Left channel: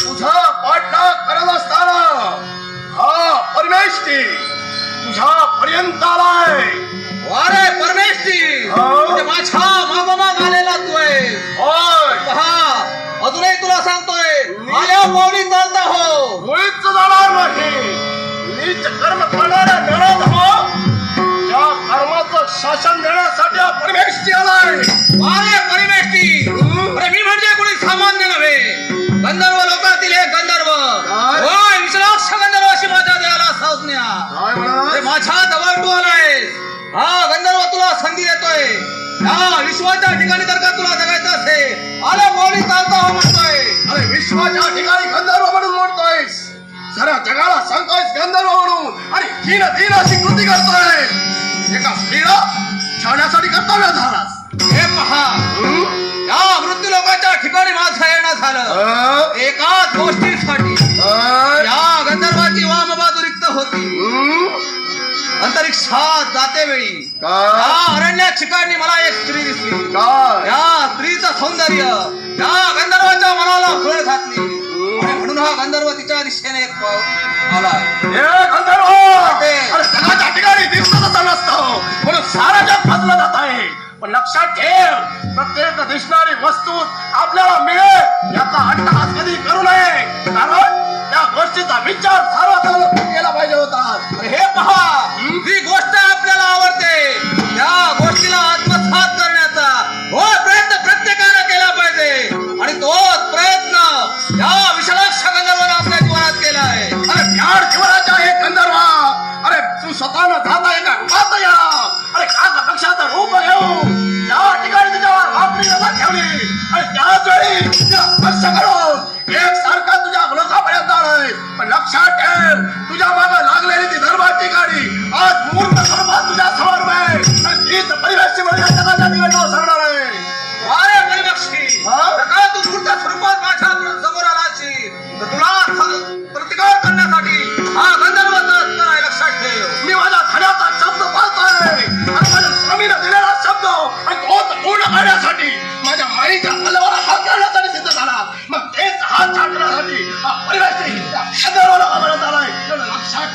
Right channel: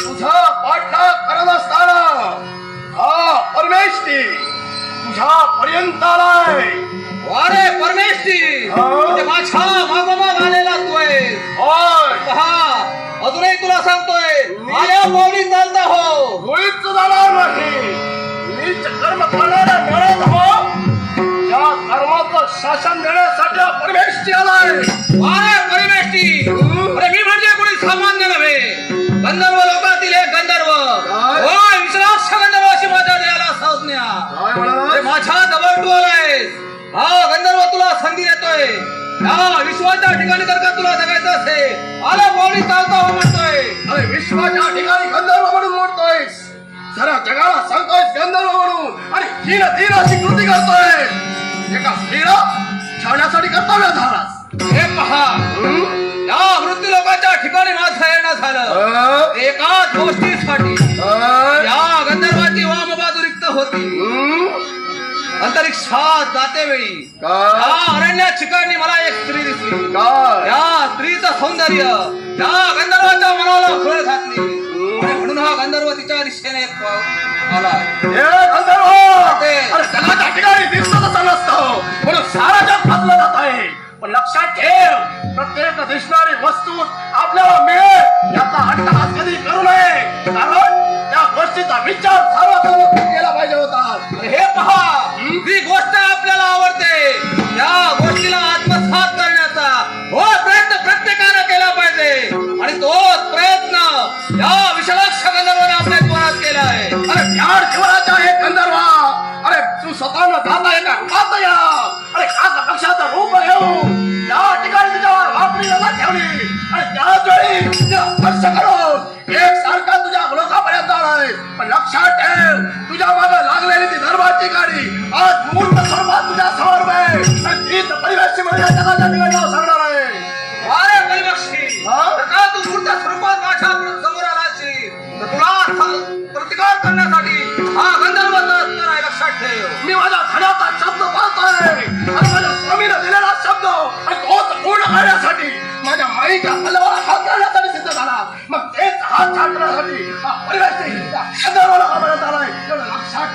तुझा पाठला करत असताना हा परमेश तुझ्या पर्यंत आलाय वारे परमेश म्हणजे माझ्या मागोमाग आलेला तू आहे. पहा अजूनही तुला सांगतोय आल्या पावली चालत हो. मुळीच जाणार नाही. नीच कर्म करणारा मिळत हो. या कर्माचं शासन देण्यासाठी परमेश आलाय. वारे परमेश हा गंधर्व तुला संधी देतोय. या विश्वाच्या ठिकाणी जर का तुला जगायचं असेल आला पावली चालता हो म्हणतोय. अरे विश्वाच्या ठिकाणी गंधर्व म्हणून म्हणतोयस साऱ्या जगाला सांगतोयस गंधर्व म्हणून. आणि तीन तीन अशी कृती करतोय. एका स्त्रीला छावण्यासाठी कर्तव्य झालास हे पहा. हं? या मृत्यू लोकांच्या ठिकाणी माझं येणं झालं. अं? एकाच गोष्टीसाठी? या गंधर्वाची वाम बाजू रिक्त होती. हं? अंतरिक्षात जाते वेळी. काय या अरण्यात ठिकाणी मला एक स्त्री दिसली. या स्त्रीचं सौंदर्य या गंधर्वाच्या मनाला फळ घातली. म्हणून हा गंधर्व तिच्या दिशेने एक आला. अरे जगाच्या ठिकाणी दिसत असं नसतं. म्हणून सारा जग फसलं जात आहे. पण लक्षात ठेव प्रत्येक दिसणारी वस्तू आपल्याला मिळेल. याचा अट्टहास कधी करू नये. कारण त्या गोष्टीचा विचार सर्वसाधारण एक सारखा तुझ्या लोकांपर्यंत आलोय. पण लक्षात ठेव तुझ्या मागे लागलेली ती धर्माची गाडी आज मूर्त स्वरूपात तुझ्या समोर आहे तीच परिवेशी जगाच्या निवडणूक सरणार आहे. वारे परिपक्षी? नका तू मूर्त स्वरूपात माझ्यासमोर तुला प्रतिकार करण्यासाठी हा गंधर्व असणार आहे लक्षात ठेव. मी माझ्या धड्याचा शब्द दिलेला शब्द आणि तोच पूर्ण करण्यासाठी माझ्या माईच्या तलवारा हात छाटण्यासाठी आलाय. एवढं लक्षात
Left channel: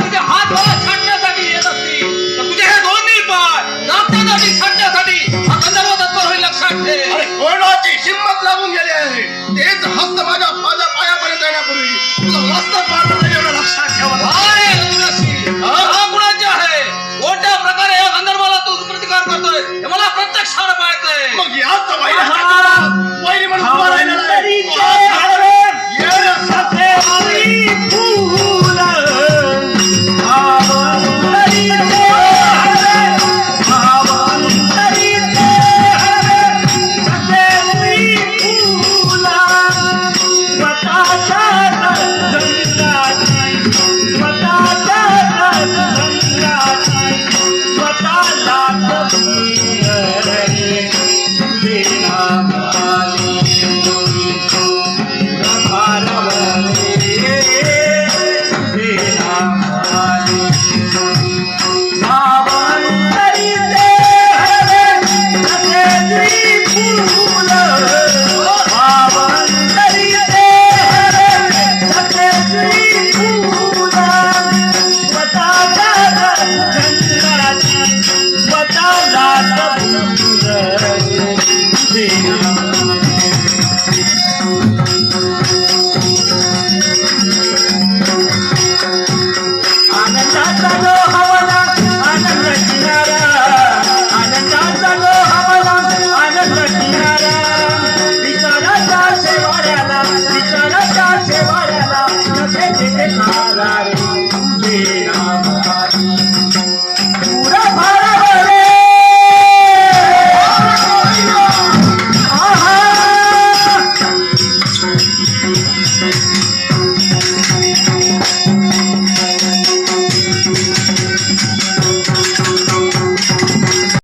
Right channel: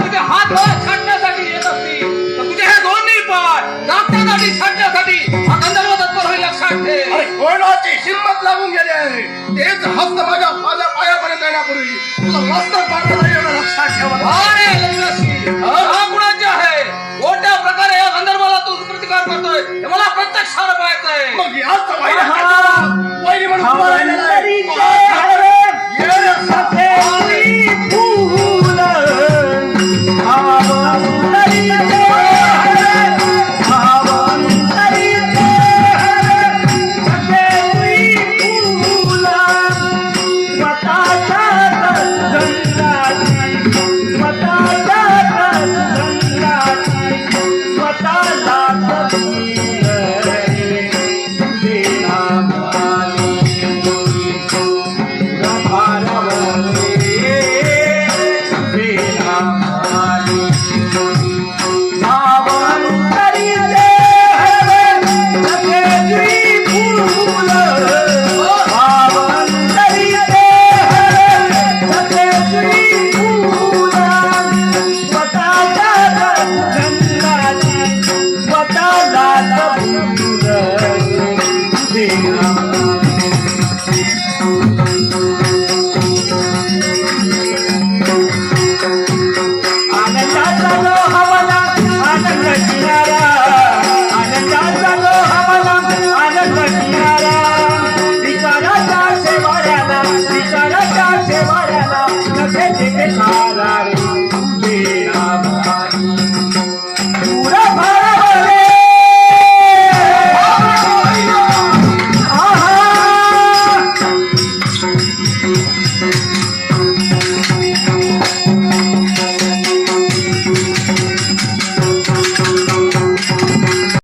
तुझे हात मला छाटण्यासाठी येत असतील. तर तुझे हे दोन्ही पाय दाबण्यासाठी छाटण्यासाठी हा गंधर्व तत्पर होईल लक्षात ठेव. अरे कोणाची हिंमत लागून गेली आहे? तेच हस्त माझ्या माझ्या पायापर्यंत येण्यापूर्वी. तुझं मस्त पाडलं नाही एवढं लक्षात ठेवत वारे गंधर्वशी हा? कुणाचे आहे? कोणत्या प्रकारे या गंधर्वाला तू प्रतिकार करतोय? मला प्रत्यक्षानं पाहतोय मग याच What I love Swatala Swatala Swatala